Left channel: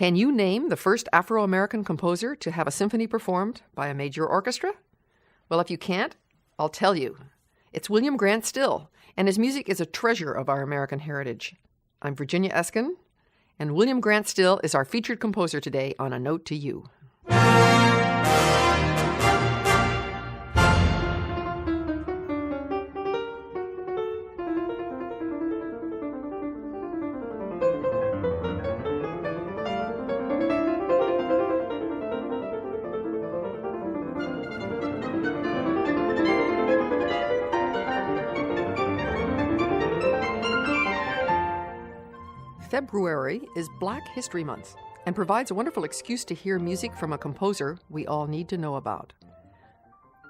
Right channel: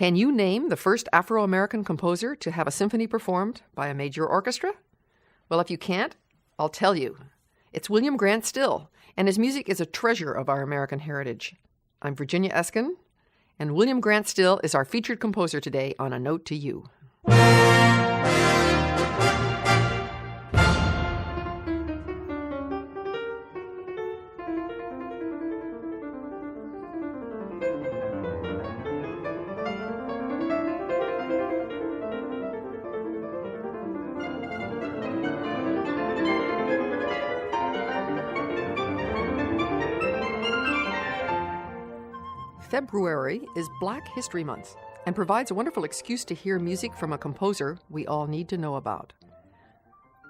Can you name the first Afro-American composer to have a symphony performed by a major orchestra? Well, if you can't, I'll tell you. It's William Grant Still, and his music is a treasure of our American heritage. I'm Virginia Eskin, and William Grant Still is our featured composer today on A Note to You. February is Black History Month and provides a wonderful excuse to hear music from a composer we all need to know about.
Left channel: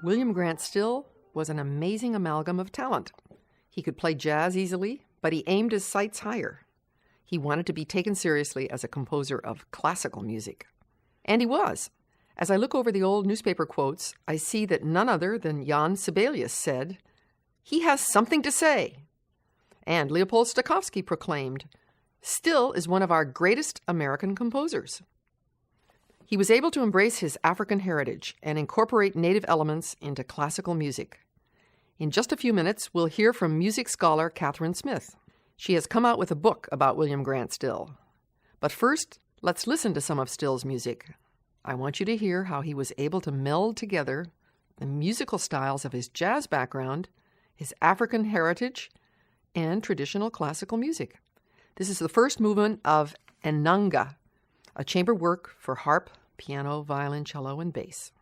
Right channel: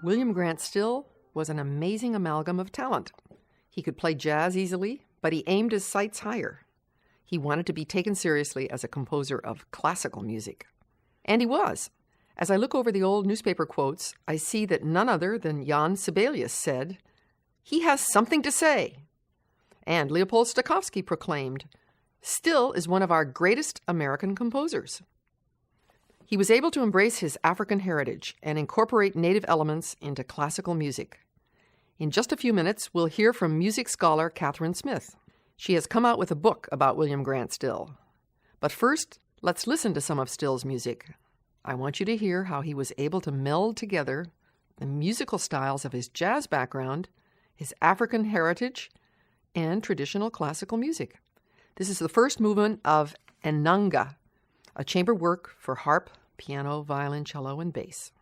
William Grant Still was an amazing amalgam of talent. He could play jazz easily, but he aimed his sights higher. He wanted to be taken seriously as a composer of classical music. And he was. As I look over the old newspaper quotes, I see that none other than Jan Sibelius said, "He has something to say." And Leopold Stokowski proclaimed, "Still is one of our greatest American composers." He was able to embrace his African heritage and incorporate native elements into classical music. In just a few minutes, we'll hear from music scholar Catherine Smith. She has come out with a book about William Grant Still. But first, let's listen to some of Still's music. I want you to hear how he was able to meld together the musical styles of his jazz background, his African heritage, and traditional classical music. This is the first movement of Ennanga, a chamber work for harp, piano, violin, cello, and bass.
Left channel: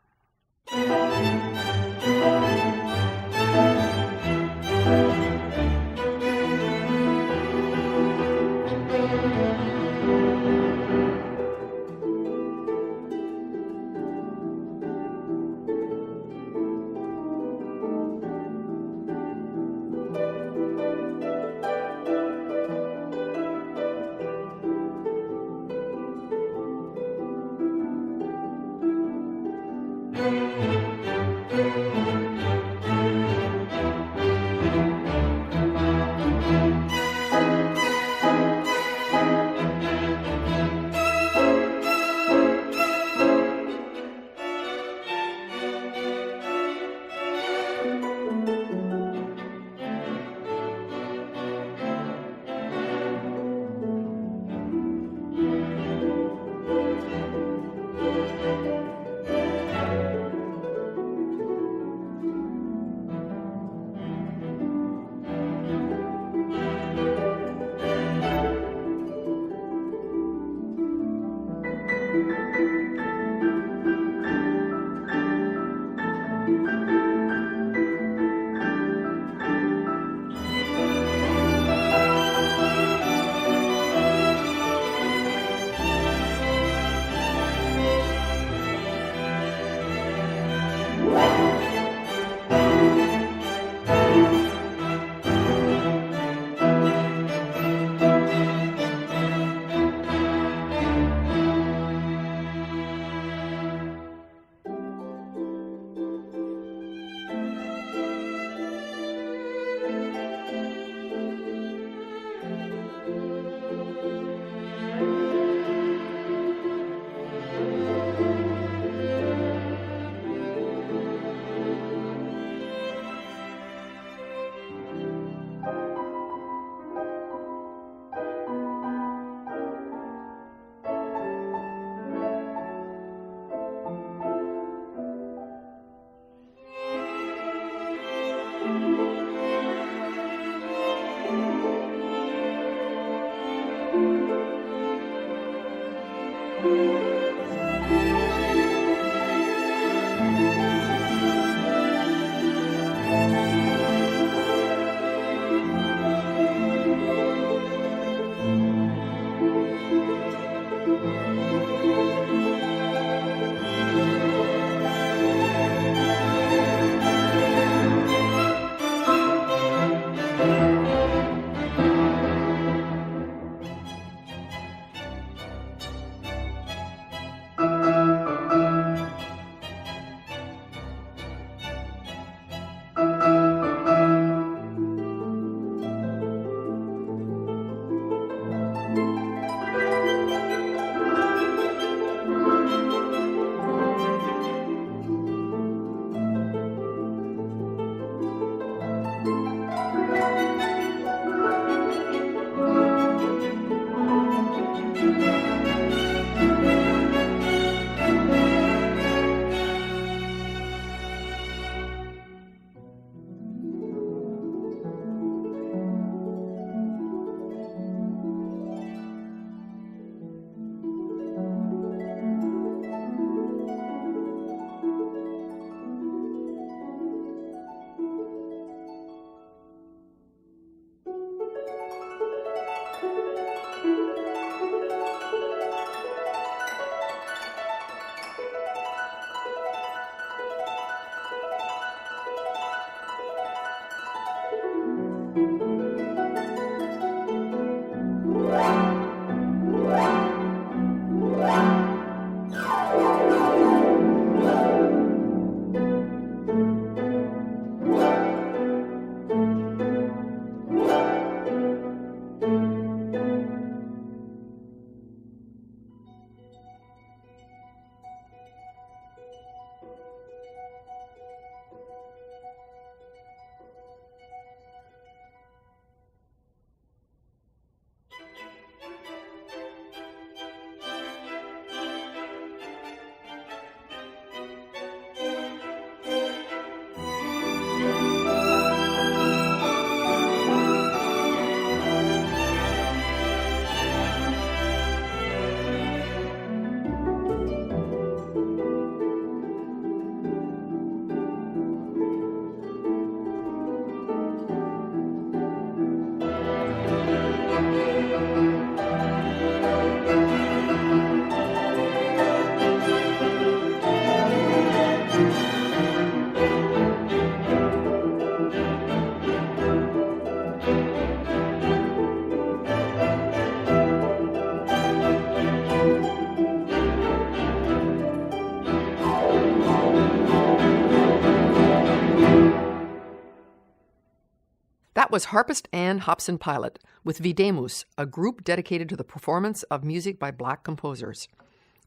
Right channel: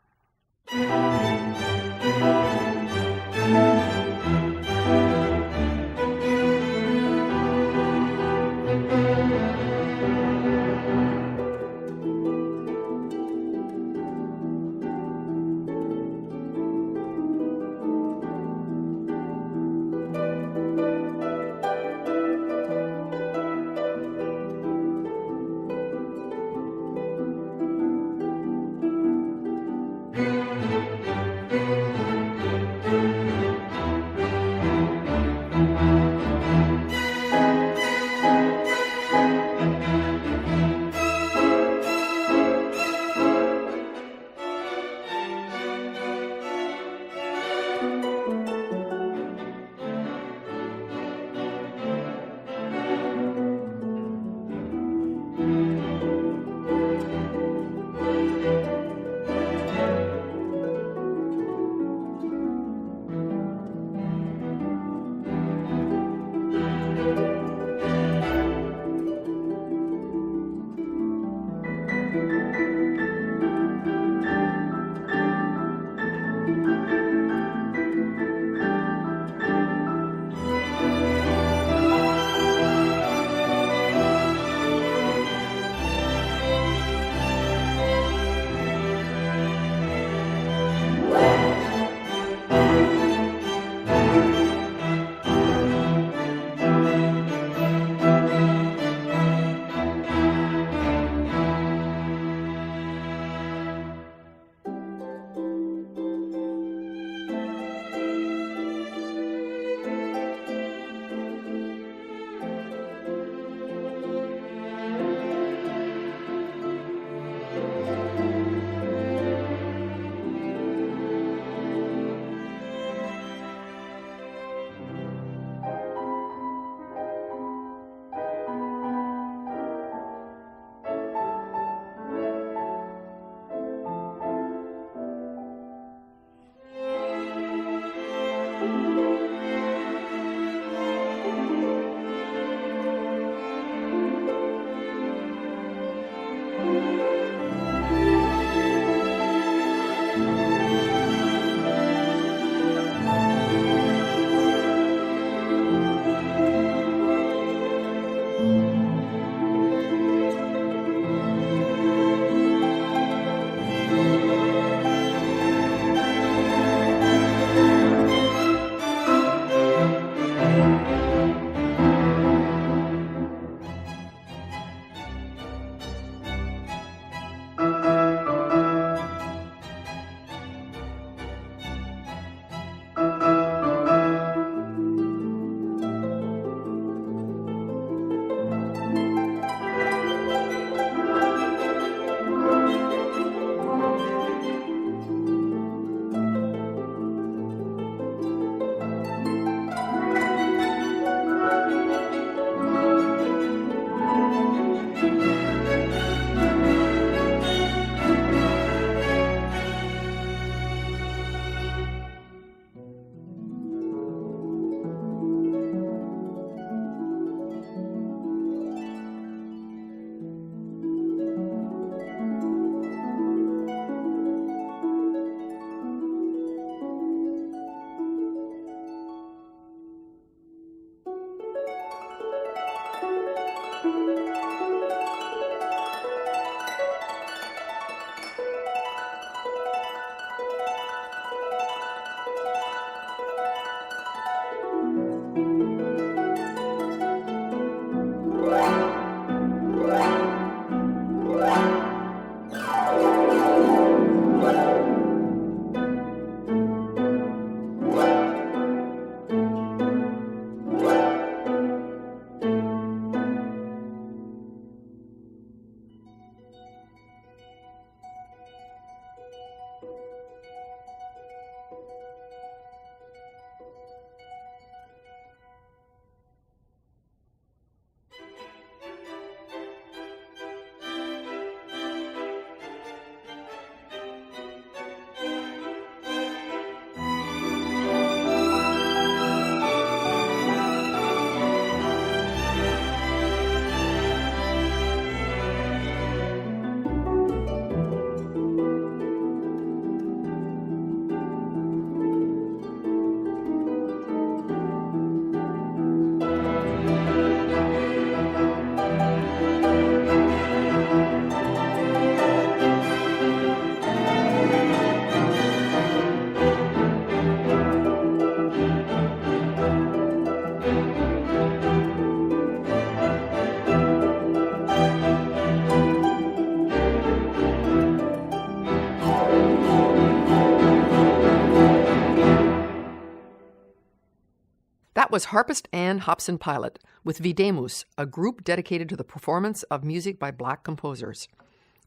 That was harpist Anne Hobson Pilot with Videmus, a group dedicated to the performance of music by black composers.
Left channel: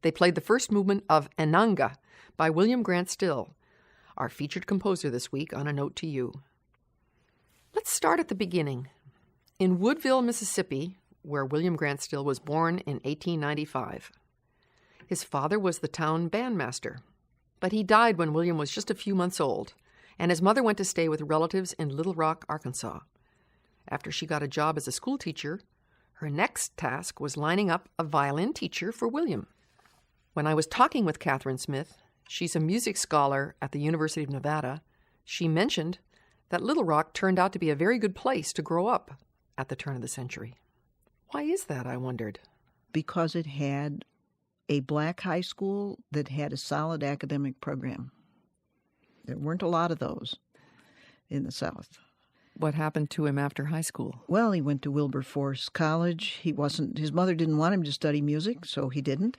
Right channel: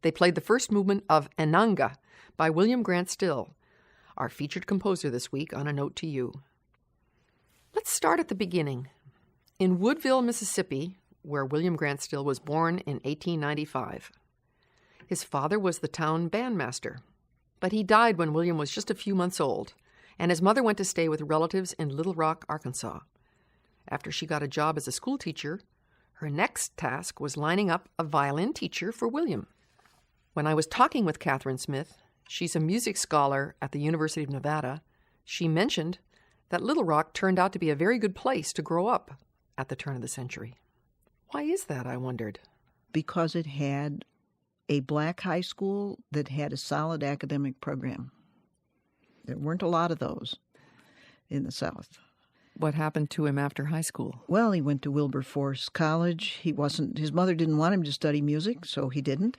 They played the first movement of Ennanga by William Grant Still, our featured composer this week on A Note to You. Let's start at the beginning. In Woodville, Mississippi, where William Grant Still was born in 1895. His father was the town bandmaster, but he died when William was just a few months old, and his mother went to stay with relatives in Little Rock, Arkansas. After she got a job as a school teacher, her next task was lining up a violin teacher for William. When I was talking with Catherine Smith, she's a music scholar at the University of Nevada, she mentioned that Little Rock turned out to be a very good place to grow up at the turn of the century. Why is that, I wondered? Because it had a black high school that had a solid academic program. There weren't a lot of those in the South. What happened to him after high school? Well, he went to Wilberforce College. His mother didn't want him to study music, so he didn't.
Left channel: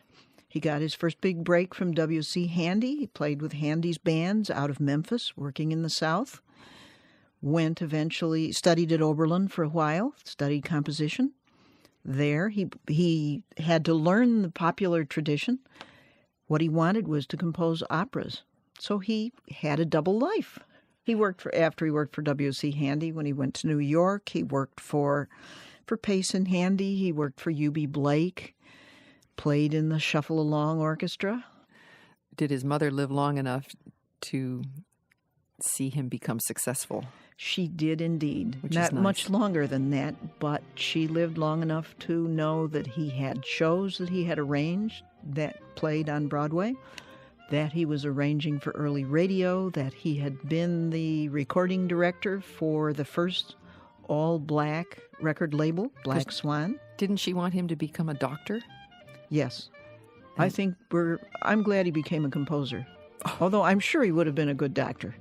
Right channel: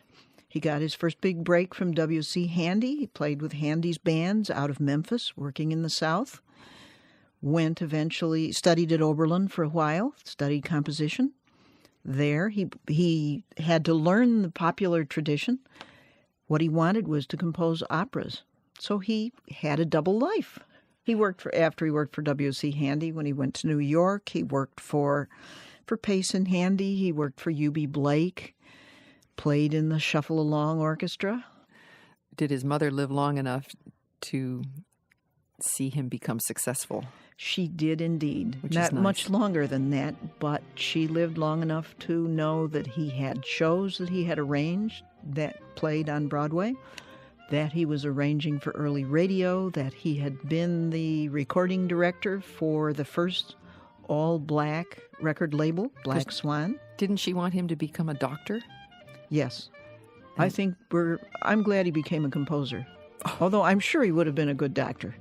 He got his first big break from W.C. Handy. He played with Handy's bands out of Memphis, working in the South. Studied at Oberlin for a while, studied composition. There, he had to learn the popular tradition. What he wanted was to compose operas. So he had a double life. After he worked for W.C. Handy, when he went to New York, he worked for Pace and Handy. He worked for U.B. Blake, played in the Shuffle Along Orchestra. Did his mother live long enough to see him become successful? She did indeed. Which Not is nice. Much longer than that, but she lived long enough to know that he had shows that he had arranged that played on Broadway, that he was arranging for early radio, that he had been the recording director for the first all-black record label, Black Swan. Didn't she want him to become a doctor? Yes. I'm glad he became a composer, although I'm sure he would have been a good doctor.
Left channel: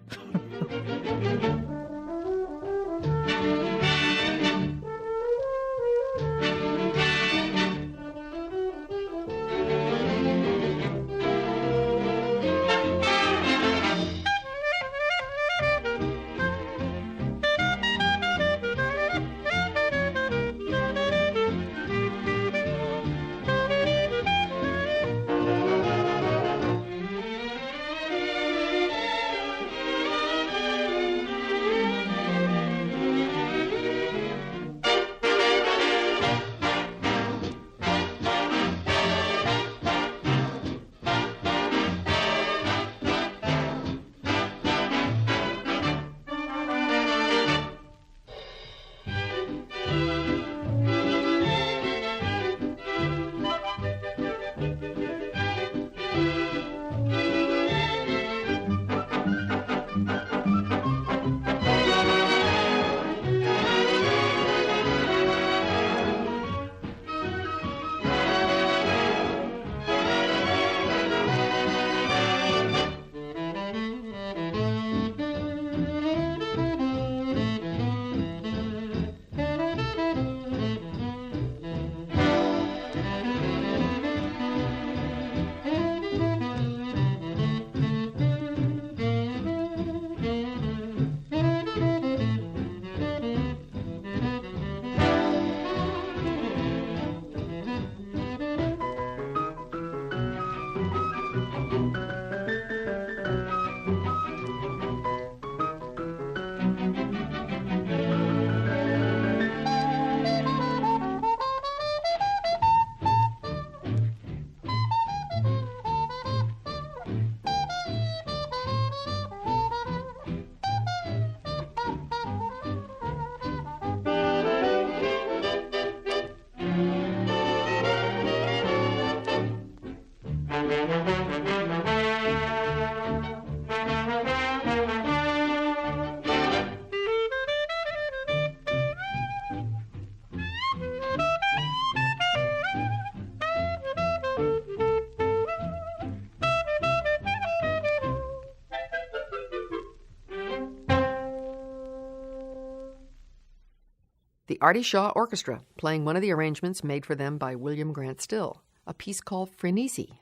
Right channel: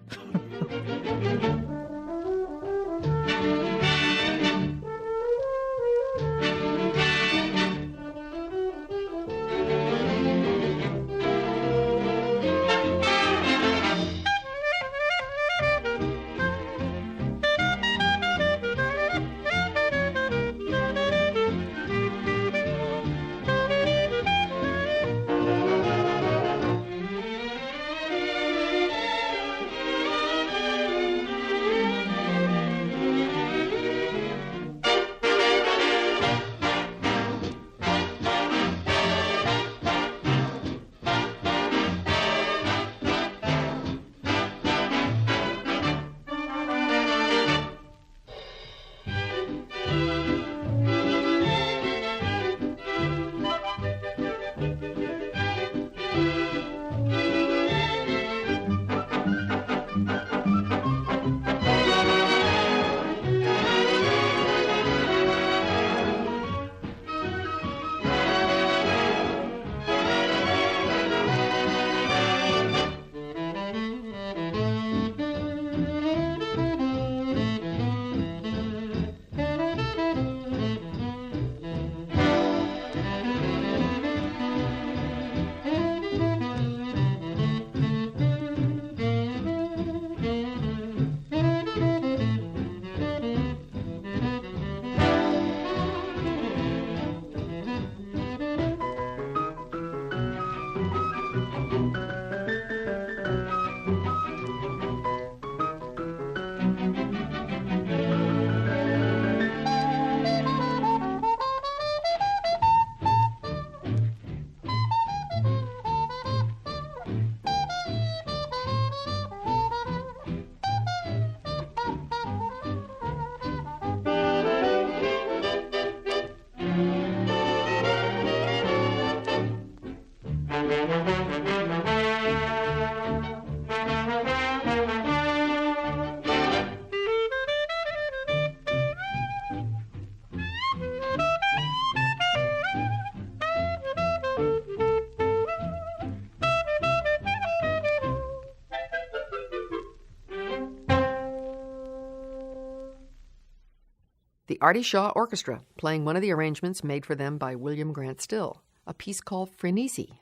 The Artie Shaw Orchestra, playing one of the arrangements made for them by William Grant Still, a piece called Frenesi.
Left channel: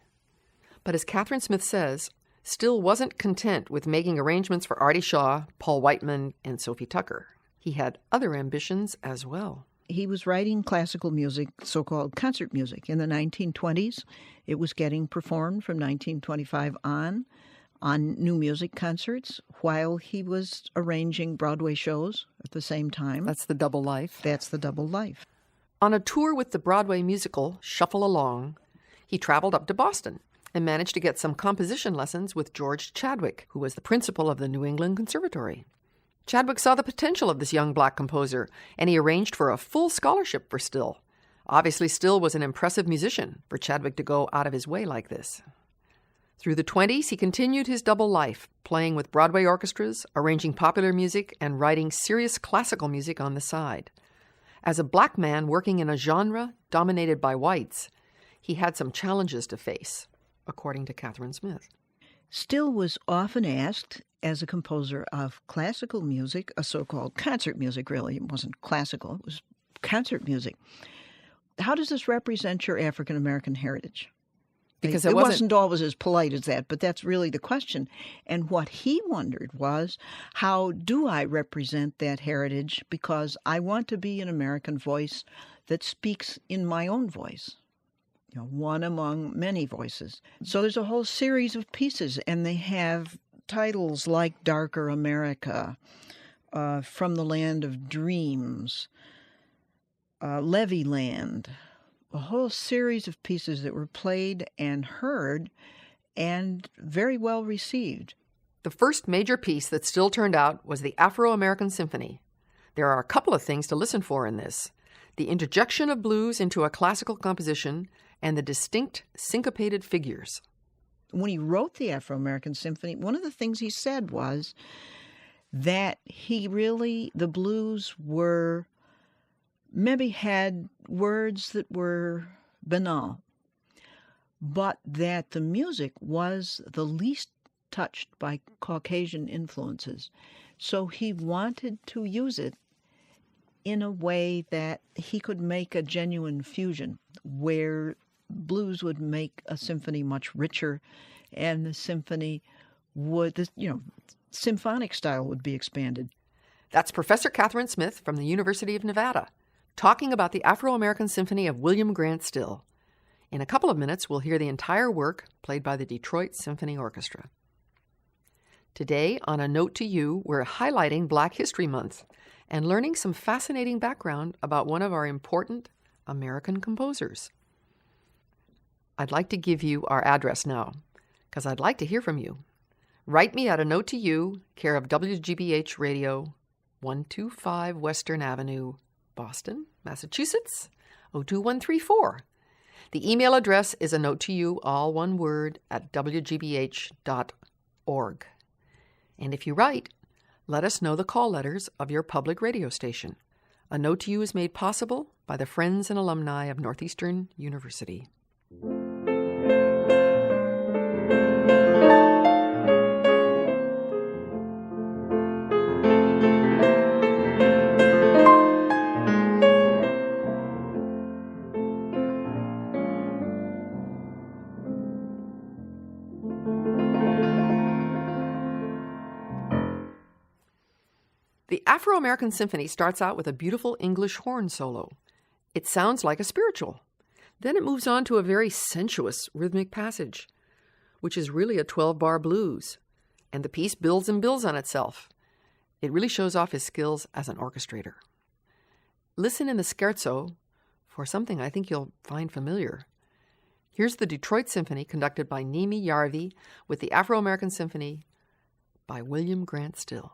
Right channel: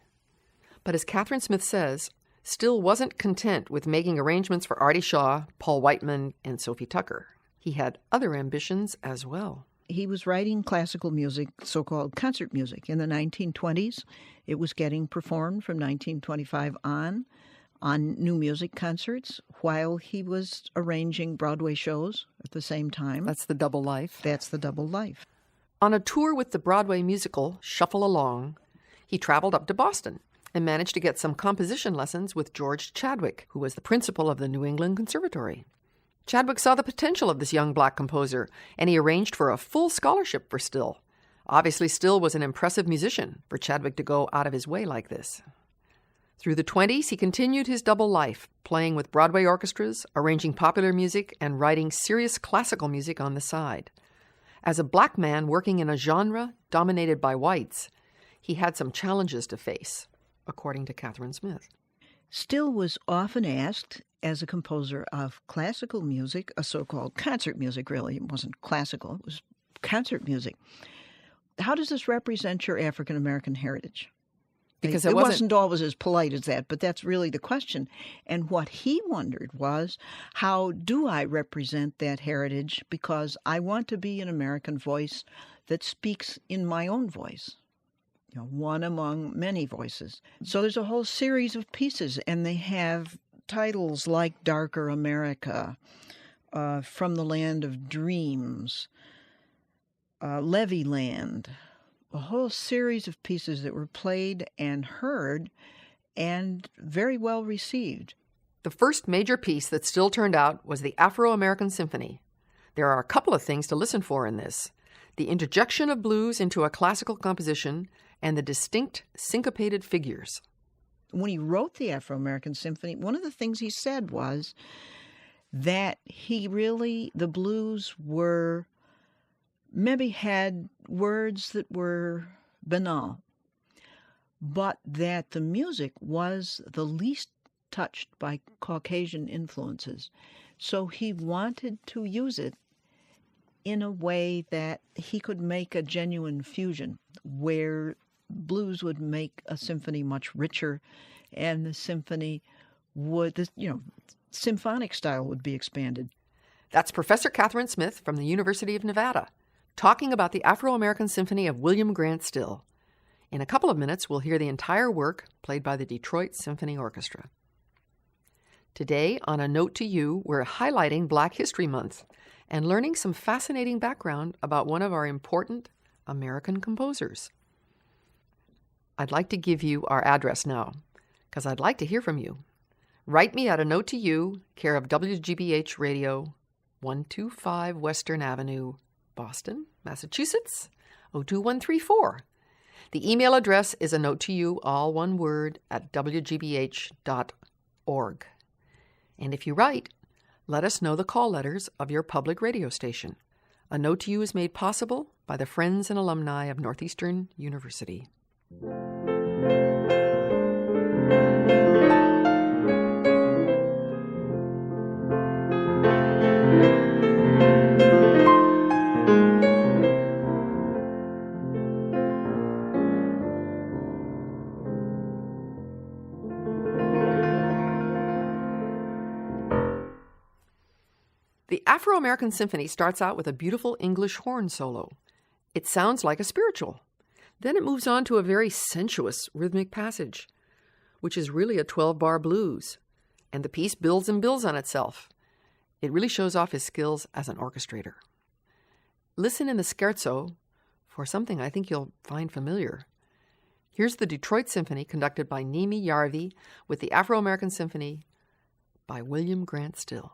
But as Catherine Smith says, Still wasn't content with making arrangements for Artie Shaw, Paul Whiteman, and Sophie Tucker. He had other ambitions as well. He was writing classical music, so-called concert music. In the 1920s, it was getting performed from 1925 on new music concerts while he was arranging Broadway shows at the same time. That's the double life. That's the double life. On a tour with the Broadway musical Shuffle Along, he traveled up to Boston and managed to get some composition lessons with George Chadwick, who was the principal of the New England Conservatory. Chadwick saw the potential of this young black composer, and he arranged for a full scholarship for Still. Obviously, Still was an impressive musician for Chadwick to go out of his way like this. Through the 20s, he continued his double life, playing with Broadway orchestras, arranging popular music, and writing serious classical music on the side. As a black man working in a genre dominated by whites, he had some challenges to face, according to Catherine Smith. Still was often asked, as a composer of classical music, a so-called concert music, really. It wasn't classical, it was concert music. How does this represent your African-American heritage? Because it wasn't always as polite as that, but that's really the question. And what he wondered was, how do I represent that heritage? Because I want to be an American voice that speaks in my own voice. One among many voices. So there's a whole series of pieces, and they have titles like Darker America, From the Land of Dreams, Levy Land, a whole series of pieces that were played and heard and very well received. The first major piece that still turned out was the Afro-American Symphony. There are a couple of things to listen for in this: the interjection of blues into a classical composition and the distinct syncopated figures. When he wrote the Afro-American Symphony, one of the things he said was that the blues were, maybe had words that were banal, but that the music was the least touched by Caucasian influences. So he wanted to use it in a way that he could make a genuine fusion where blues would make a symphony much richer, and the symphony would, symphonic style would be expanded. That's Professor Catherine Smith from the University of Nevada, talking about the Afro-American Symphony of William Grant Still. In a couple of minutes, we'll hear the entire work played by the Detroit Symphony Orchestra. Today, on A Note to You, we're highlighting Black History Month and learning some fascinating background about one of our important American composers. I'd like to give you our address now, because I'd like to hear from you. Write me at A Note to You, care of WGBH Radio, 125 Western Avenue, Boston, Massachusetts, 02134. The email address is A Note to You, all one word, at wgbh.org. And if you write, let us know the call letters of your public radio station. A Note to You is made possible by the friends and alumni of Northeastern University. The Afro-American Symphony starts out with a beautiful English horn solo. It sounds like a spiritual. Then it moves on to a very sensuous rhythmic passage, which is really a 12-bar blues, and the piece builds and builds on itself. It really shows off his skills as an orchestrator. Listen in the scherzo for something I think you'll find familiar. Here's the Detroit Symphony conducted by Nimi Yarvi with the Afro-American Symphony by William Grant Still.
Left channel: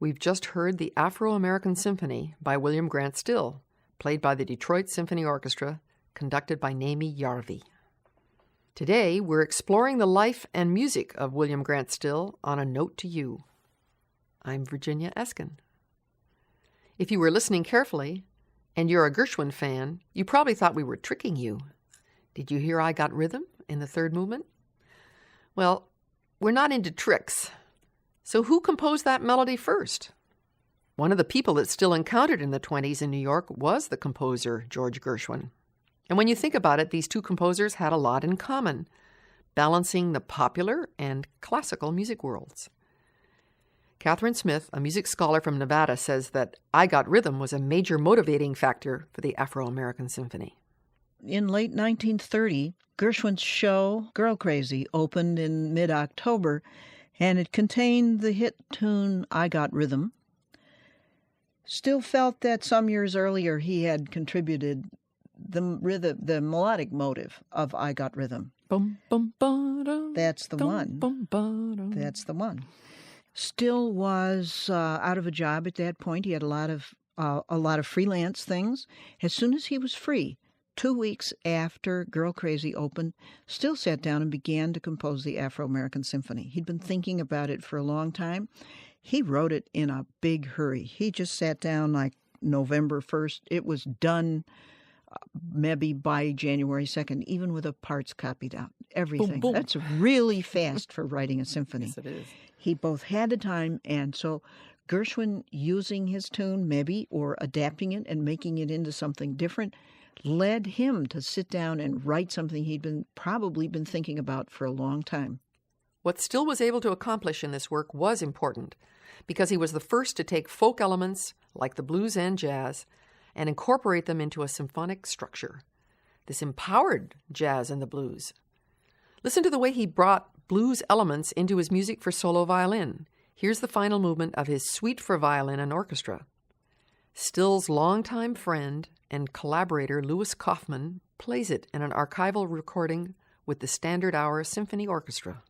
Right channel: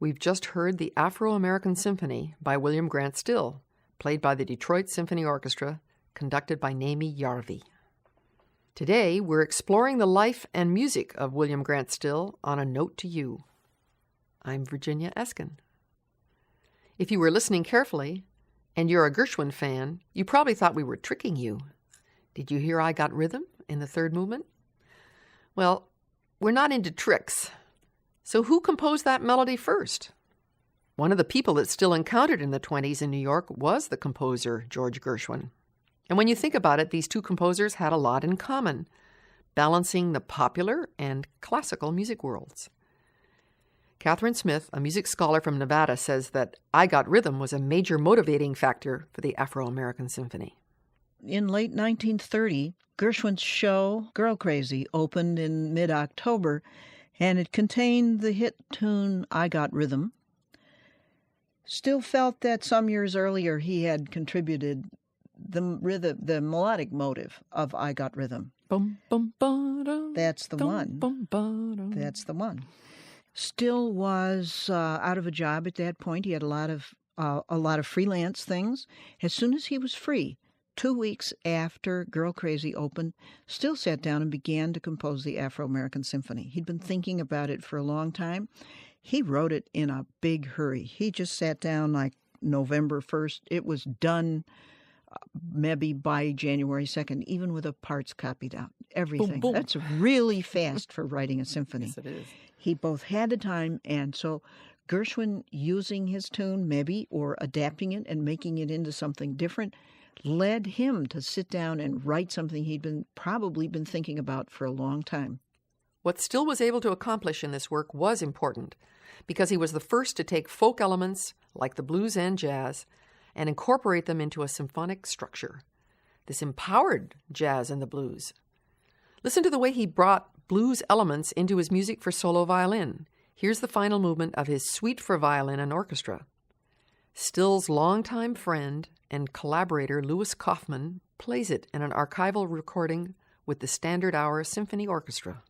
We've just heard the Afro-American Symphony by William Grant Still, played by the Detroit Symphony Orchestra, conducted by Naomi Yarvi. Today, we're exploring the life and music of William Grant Still on A Note to You. I'm Virginia Eskin. If you were listening carefully, and you're a Gershwin fan, you probably thought we were tricking you. Did you hear I Got Rhythm in the third movement? Well, we're not into tricks. So who composed that melody first? One of the people that Still encountered in the 20s in New York was the composer George Gershwin. And when you think about it, these two composers had a lot in common, balancing the popular and classical music worlds. Catherine Smith, a music scholar from Nevada, says that I Got Rhythm was a major motivating factor for the Afro-American Symphony. In late 1930, Gershwin's show, Girl Crazy, opened in mid-October, and it contained the hit tune I Got Rhythm. Still felt that some years earlier he had contributed the melodic motive of I Got Rhythm. Bum, bum, ba-dum, That's the dum, one. bum, ba-dum. That's the one. Still was out of a job at that point. He had a lot of freelance things. As soon as he was free, 2 weeks after Girl Crazy opened, Still sat down and began to compose the Afro-American Symphony. He'd been thinking about it for a long time. He wrote it in a big hurry. He just sat down like November 1st. It was done maybe by January 2nd, even with the parts copied out. Everything. Boom, boom. That's really fast for writing a symphony. Yes, it is. He both had the time, and so Gershwin using his tune maybe, or adapting it and making it into something different, led him to sit down and write something he'd probably been thinking about for a long time. What Still was able to accomplish in this work was important because he was the first to take folk elements like the blues and jazz and incorporate them into a symphonic structure. This empowered jazz and the blues. Listen to the way he brought blues elements into his music for solo violin. Here's the final movement of his Suite for Violin and Orchestra. Still's longtime friend and collaborator Louis Kaufman plays it in an archival recording with the Standard Hour Symphony Orchestra.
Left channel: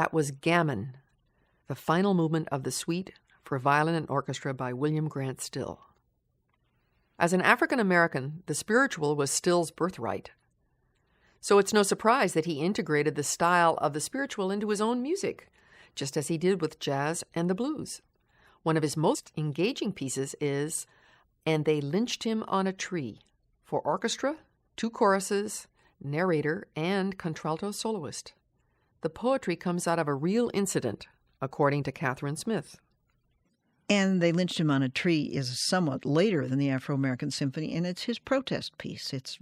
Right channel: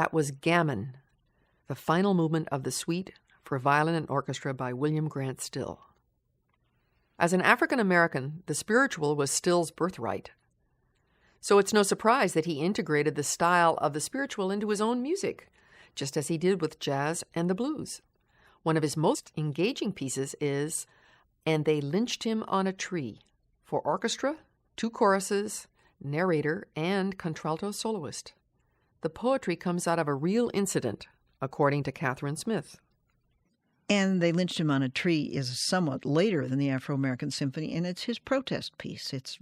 That was Gammon, the final movement of the suite for violin and orchestra by William Grant Still. As an African American, the spiritual was Still's birthright. So it's no surprise that he integrated the style of the spiritual into his own music, just as he did with jazz and the blues. One of his most engaging pieces is "And They Lynched Him on a Tree," for orchestra, 2 choruses, narrator, and contralto soloist. The poetry comes out of a real incident, according to Catherine Smith. And They Lynched Him on a Tree is somewhat later than the Afro-American Symphony, and it's his protest piece. It's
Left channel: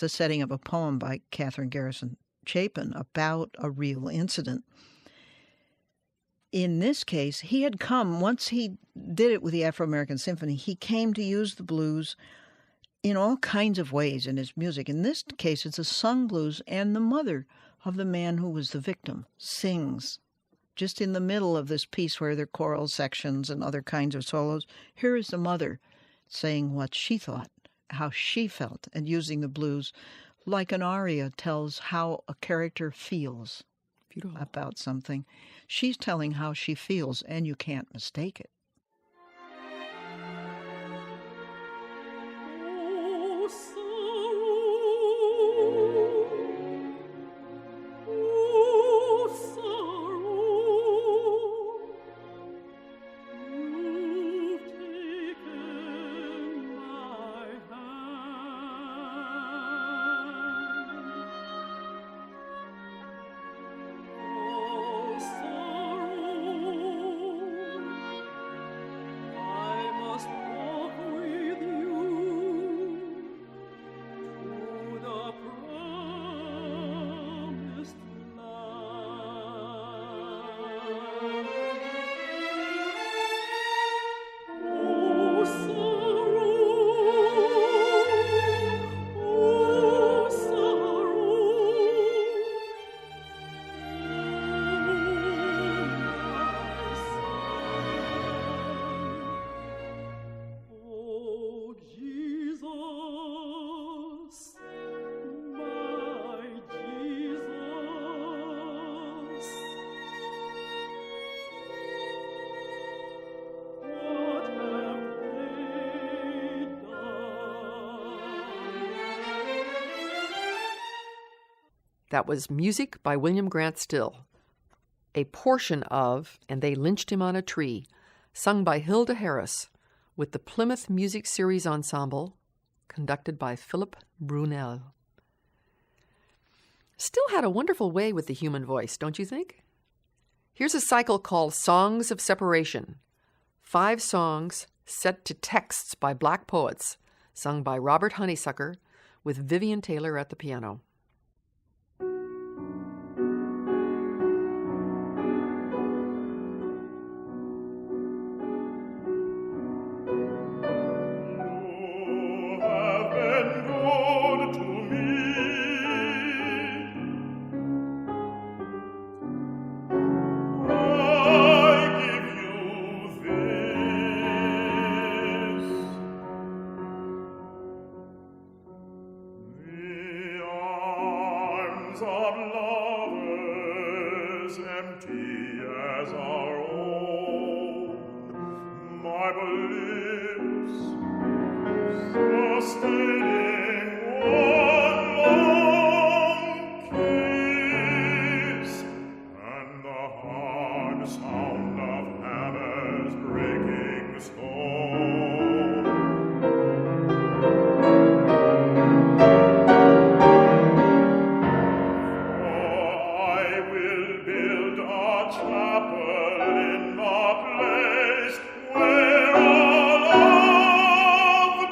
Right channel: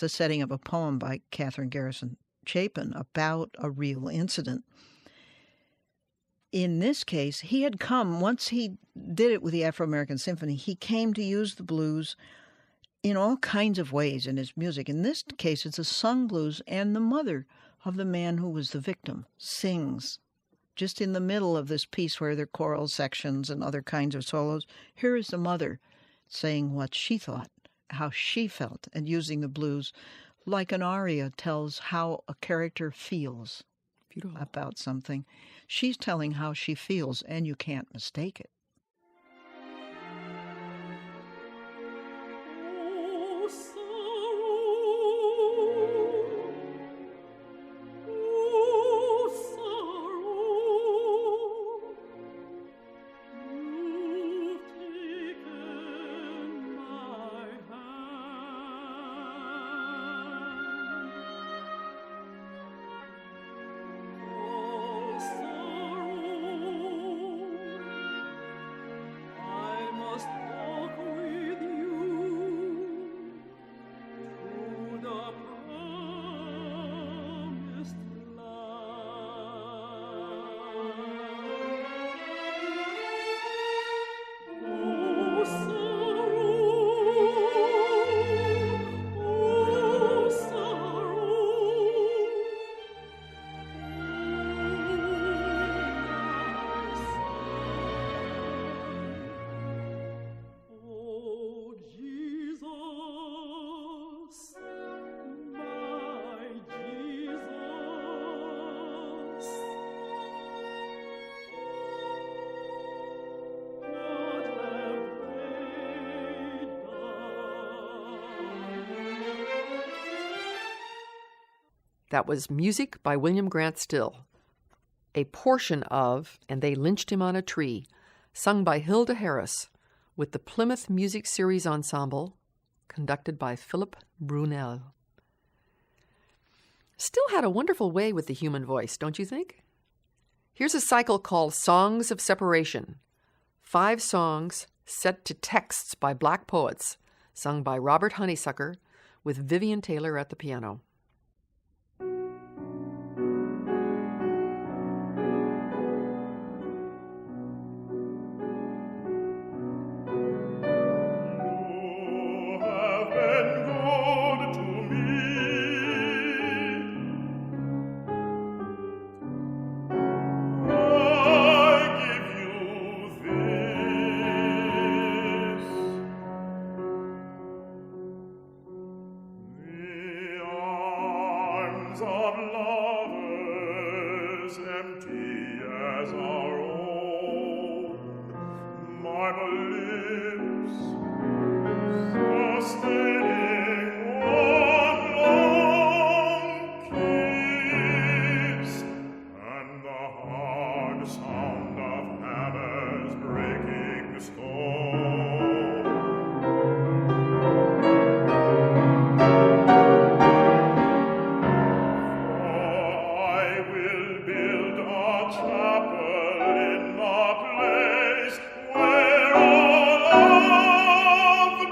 a setting of a poem by Catherine Garrison Chapin about a real incident. In this case, he had come, once he did it with the Afro-American Symphony, he came to use the blues in all kinds of ways in his music. In this case, it's a sung blues, and the mother of the man who was the victim sings. Just in the middle of this piece where there are choral sections and other kinds of solos, here is the mother saying what she thought, how she felt, and using the blues like an aria tells how a character feels. Beautiful. About something. She's telling how she feels, and you can't mistake it. That was music by William Grant Still, a portion of "And They Lynched Him on a Tree," sung by Hilda Harris with the Plymouth Music Series Ensemble, conducted by Philip Brunel. Still had a wonderful way with the human voice, don't you think? Here's a cycle called Songs of Separation, 5 songs set to texts by Black poets, sung by Robert Honeysucker with Vivian Taylor at the piano. Where all of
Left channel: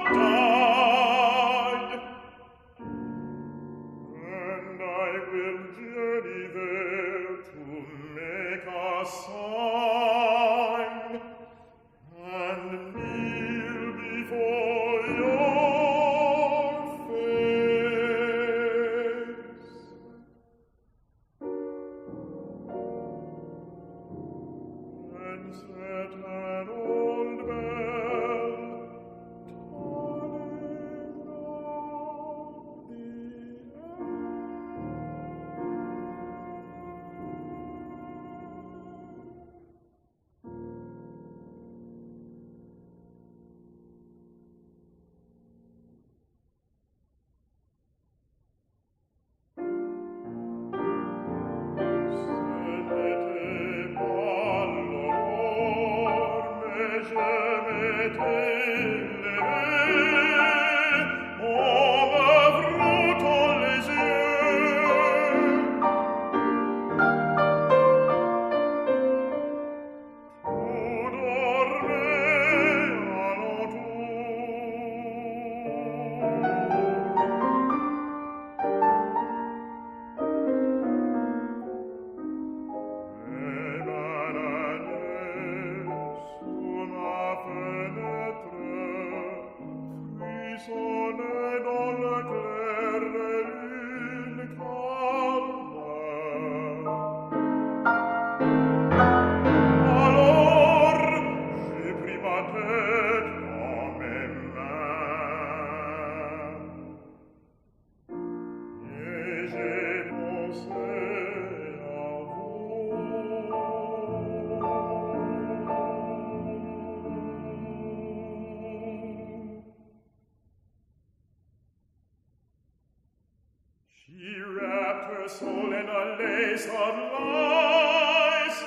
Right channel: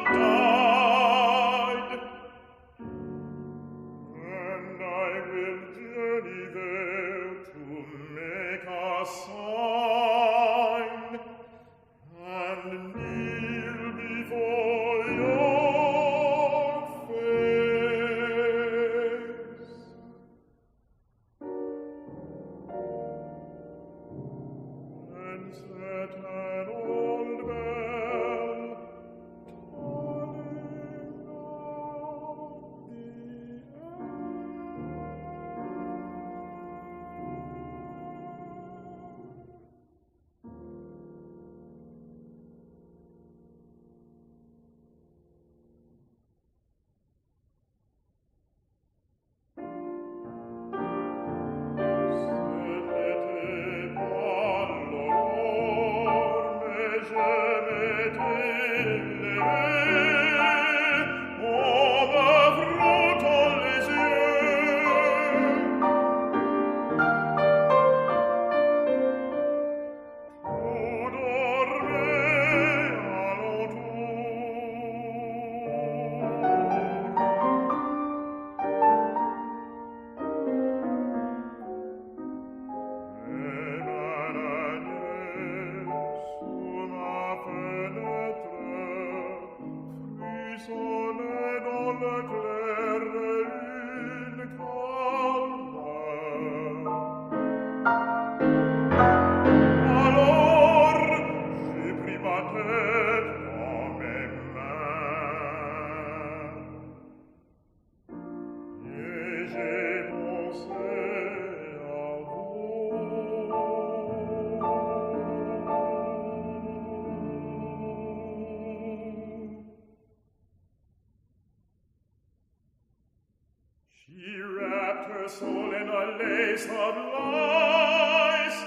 She wrapped her soul in a lace of lies,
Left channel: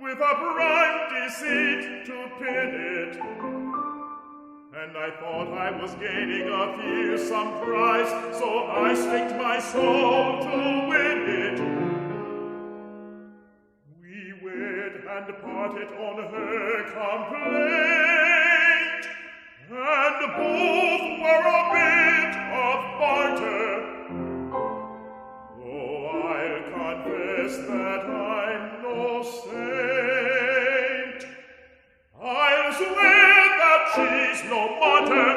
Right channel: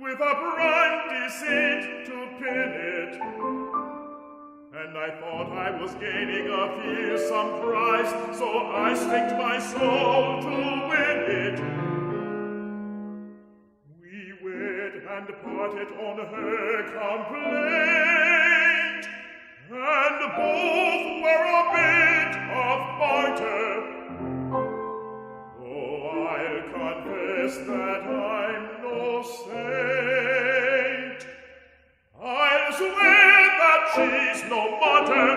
with a bright deceit to pin it. And I thought I was gaining a fearsome prize, so I staked my soul to win it. We wed and parted on her complaint, and both were a bit of barter. I'll confess that I'm no saint. I'll swear that she's no martyr.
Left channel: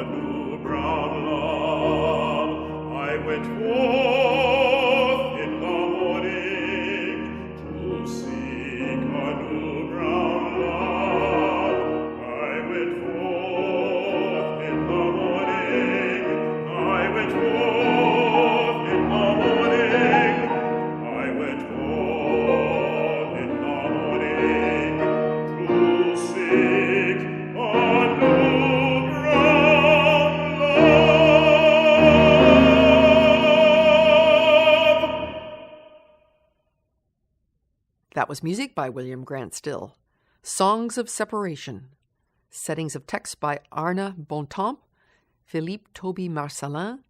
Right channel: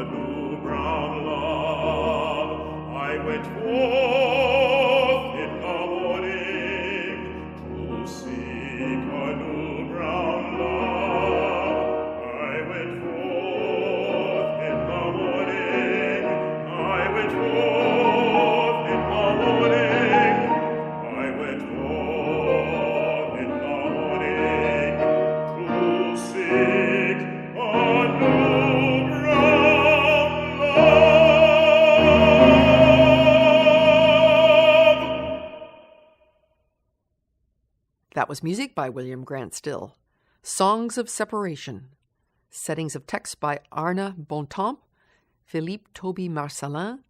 a new brown love. I went forth in the morning to seek a new brown love. I went forth in the morning. I went forth in the morning. I went forth in the morning to seek a new brown love. That was music by William Grant Still. Songs of Separation. Settings of text by Arna Bontemps, Philippe Toby Marcelin,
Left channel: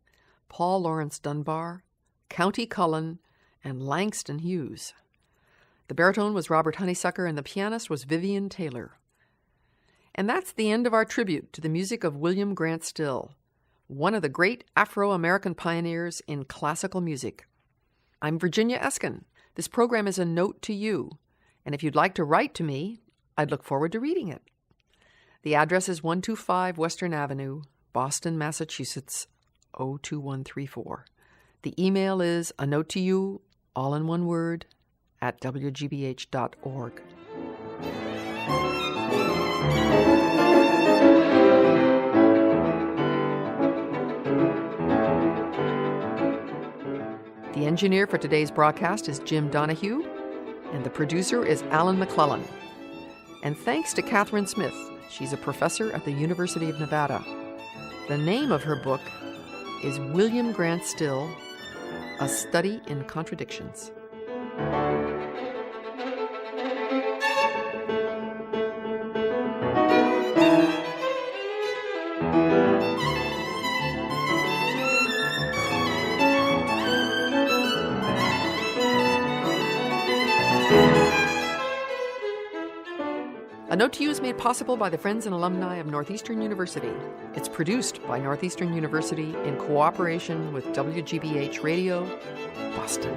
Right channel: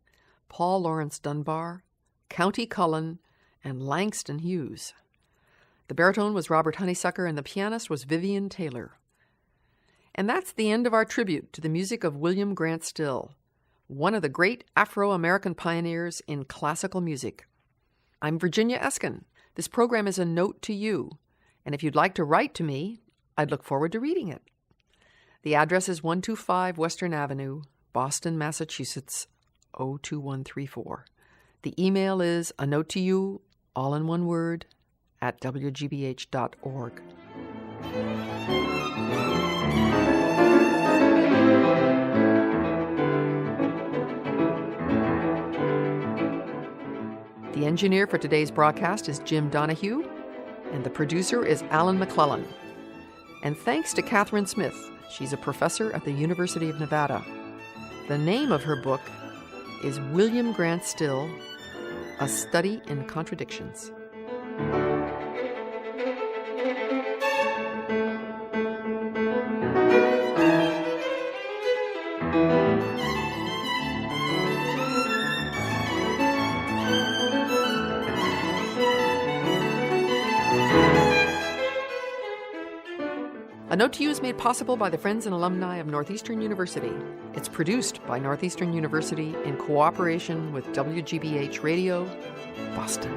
Paul Lawrence Dunbar, County Cullen, and Langston Hughes. The baritone was Robert Honeysucker, and the pianist was Vivian Taylor. And that's the end of our tribute to the music of William Grant Still, one of the great Afro-American pioneers in classical music. I'm Virginia Eskin. This program is a note to you, and if you'd like to write to me, I'd look forward to reading it. The address is 125 Western Avenue, Boston, Massachusetts, 02134. The email is a note to you, all in one word, at WGBH.org. The engineer for today's broadcast is Jim Donahue, and the producer is Alan McClellan. And thanks to Catherine Smith. She's a professor at the University of Nevada. The name of her book is William Grant Still, A Study in Contradictions. A Note to You is made possible by the friends and alumni of Northeastern University. It's produced by Northeastern University in cooperation with WGBH Radio, Boston.